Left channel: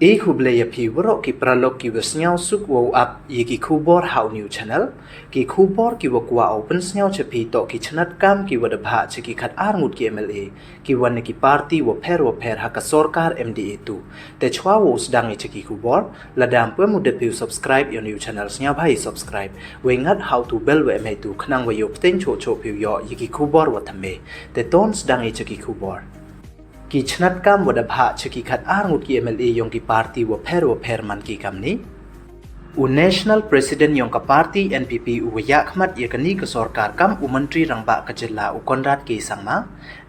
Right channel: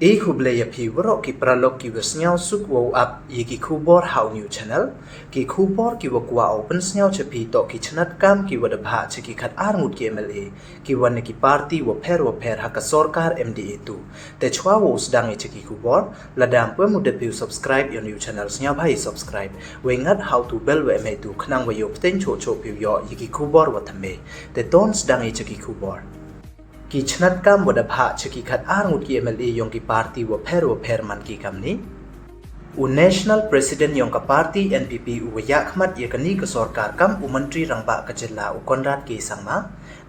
huble pi warok ki pralok ki wasnyao suk wow up ye ki khubor how new channel ki khubor ki wakwa open snyao chapi to ki chnat kam ki wada bha che ki khat arngut ki MLA ki wan ki party wo pher ha ka Sorkar MDA-2 te chwa wo sdang che ki khubor ladam pwe mude pi subscribe your new channel snyao bhai subscribe we ngat how to bell we mai tu khnang we yok ten cho pi yo ye ki khubor wa thame te ton sdang che ki khubor ki chnat kam wada bha che ki khat arngut ki MLA yong ki party wo pher man ki kam ni u national president yong ka party NPP u ya khmat ye kani ka Sorkar kam u mantri rangba ka jilla u konrat ki sangma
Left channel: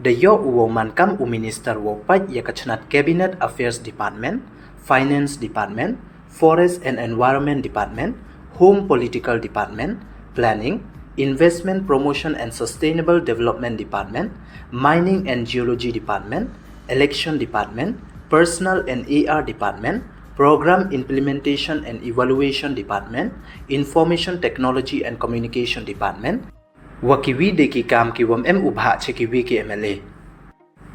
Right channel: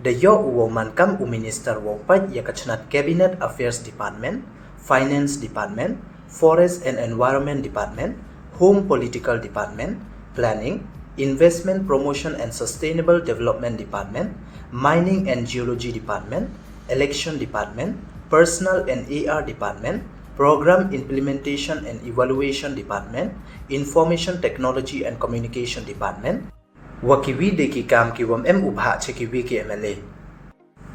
de yo u man kam u minister wo pat ye ka chnat cabinet affairs department finance department forest and environment department home political department planning investment promotion and sustainable development department mining and geology department election department personal and AR department program implementation and evaluation department information technology and communication department wakiwi de ki kam ki wam ubha che ki wi ki MLA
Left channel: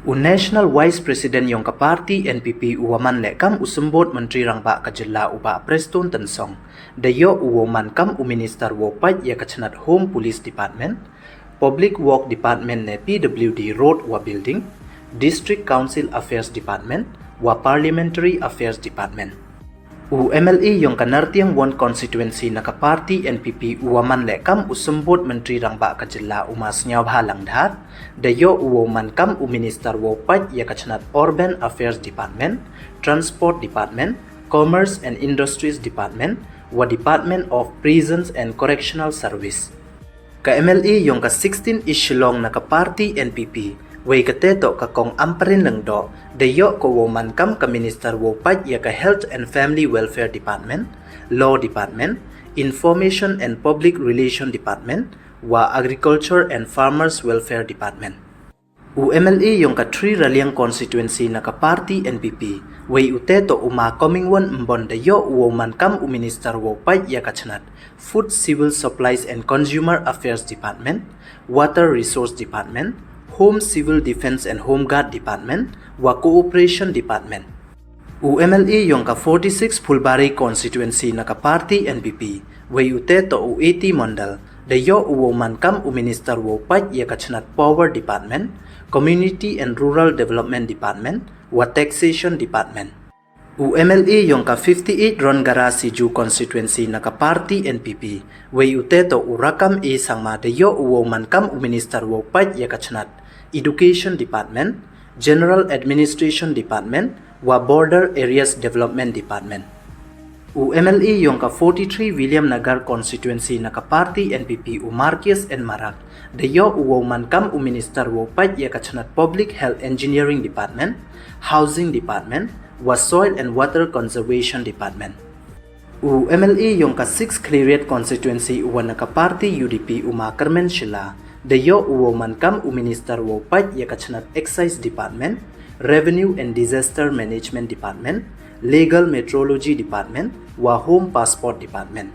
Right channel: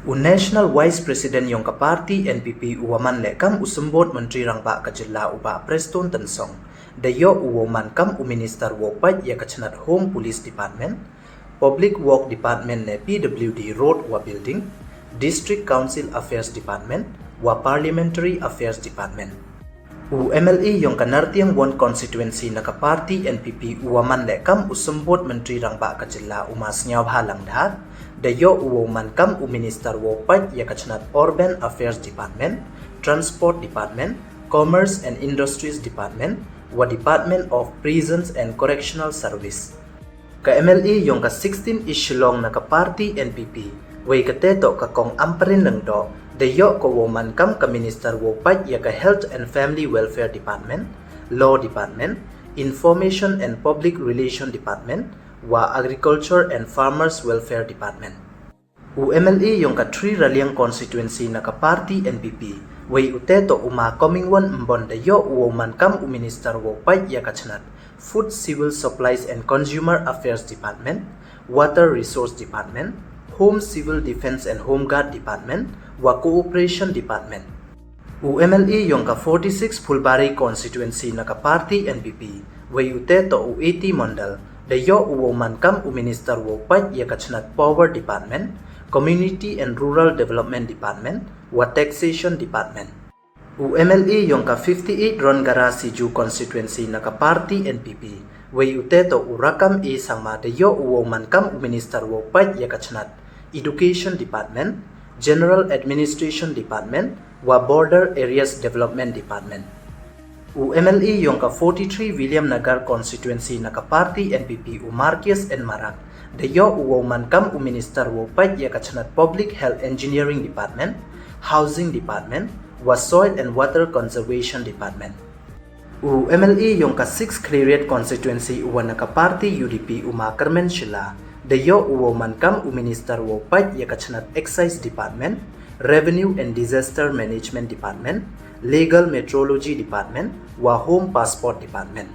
u national vice president yong ka party NPP uwaman le kam usumbot menteri rangba ka jilla uba preston tensong de yo uwoman kam u minister wo pat ya ka chnat home police department public work department ne PWD road wa building district council affairs department wa parliamentary affairs department u MLA yong kanartiang won constituency na ka party NPP uwaman le kam usumbot menteri rangba ka jilla umas nyaw bhalang dhar de yo uwoman kam u minister wo pat ya ka chnat urban affairs department transport department commerce and industries department wa department of prisons and correctional service ka MLA yong ka 16 Shillong na ka party NPP way kateto ka kong amparin lang do de yo ko woman kam ka minister wo pat ya ka health and family welfare department law department information and public relation department wa agriculture and farmers welfare department u MLA yong ka 3 Raliang constituency na ka party NPP way uteto uma coming one mbon de yo woman kam u minister wo pat ya ka chnat food civil supplies and consumer affairs department water resource department home civil defense and home guard department wa cooperation department u MLA yong ka 46 Phulbari constituency na ka party NPP way uteto u 80 mondal de yo woman kam u minister wo pat ya ka chnat power department community and rural development department wa taxation department u MLA yong ka 58 Rongara Siju constituency na ka party NPP way uteto u rakam e sangma de yo woman kam u minister wo pat ya ka chnat education department general administration department wa border areas development department u MLA yong ka 43 William Nagar constituency na ka party NPP u Marquez and Marak de yo woman kam u minister wo pat ya ka chnat public health engineering department housing department wa soil and water conservation department u MLA yong ka 6 Cleriot constituency u na ka party UDP u Makarmen Shila de yo woman kam u minister wo pat ya ka chnat excise department revenue and disaster management department legal metrology department wa home passport department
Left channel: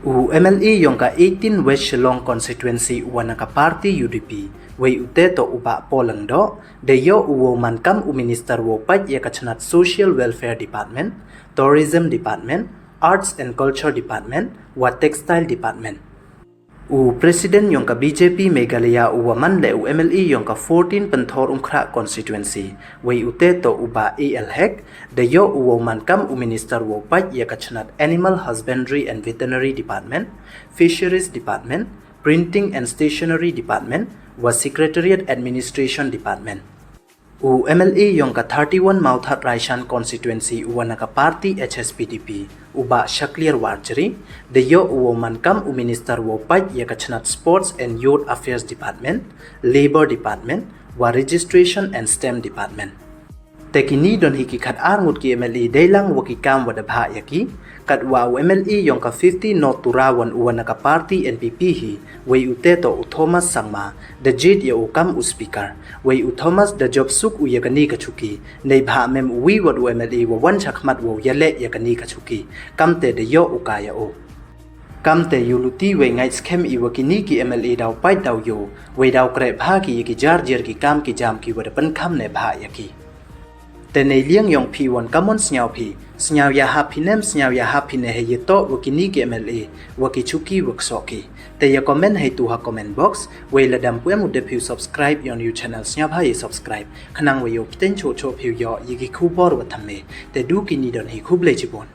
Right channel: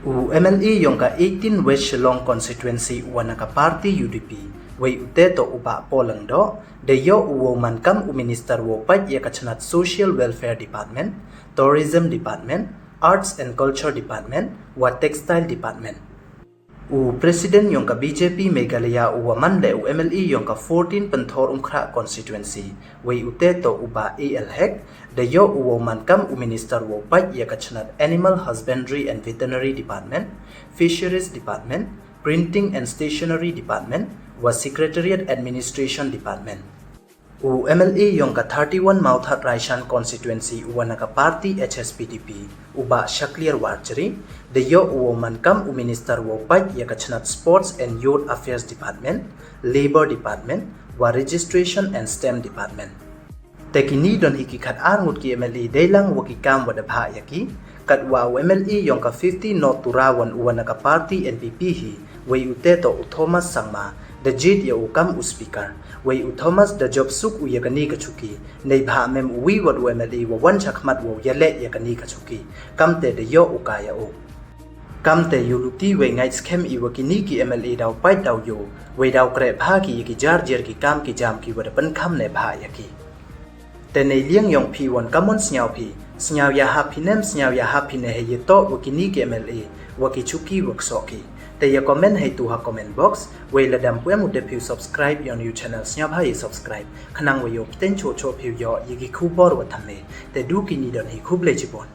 u MLA yong ka 18 West Shillong constituency u na ka party UDP way uteto uba polang do de yo woman kam u minister wo pat ya ka chnat social welfare department tourism department arts and culture department wa textile department u president yong ka BJP Meghalaya u waman le u MLA yong ka 14 Panthor Umkhra constituency way uteto uba AL hek de yo u woman kam u minister wo pat ya ka chnat animal husbandry and veterinary department fisheries department printing and stationery department wa secretariat administration department u MLA yong ka 31 Mauthat Raishan constituency u na ka party HSPDP uba Shaklir Warjari de yo woman kam u minister wo pat ya ka chnat sports and youth affairs department labor department wa registration and STEM department tekini don hiki khat arngut ki MLA deilang wakikam wada bha yaki katwa u MLA yong ka 50 North Turawan u na ka party NPP hi way uteto u Thomas Sangma the jit ya ukam u speaker way u Thomas the job suk u yakani ka chuki nei bha mem wi wat u MLA wa wan chakmat wo yale yakani ka chuki kamte de yo ukaya o kamte yuluti we Ngaitskhem i wakini ki MLA daw pai daw yo way daw kre bha ki jar jer ki kam ki jam ki wada pan kham ne bha yaki แต่ในเลี้ยงยองพีวันกำมอนสญาวพีสญาวยาฮับพีเนมสญาวยาฮับพีเนให้ยโตวกินีเกมเอวกิชุกีวกสอกีแต่อย่าคอมเมนต์ให้ตัวคอมเมนต์บ็อกซ์เวลาดำเพื่อมุดเดพิว subscribe ยอนยูช anel สญาพาย subscribe ขนังวิวเต้นโชว์พิวยอยิกิคูบอร์วัฒน์เมแต่ดูกินีดอนให้คูบเลจิบอน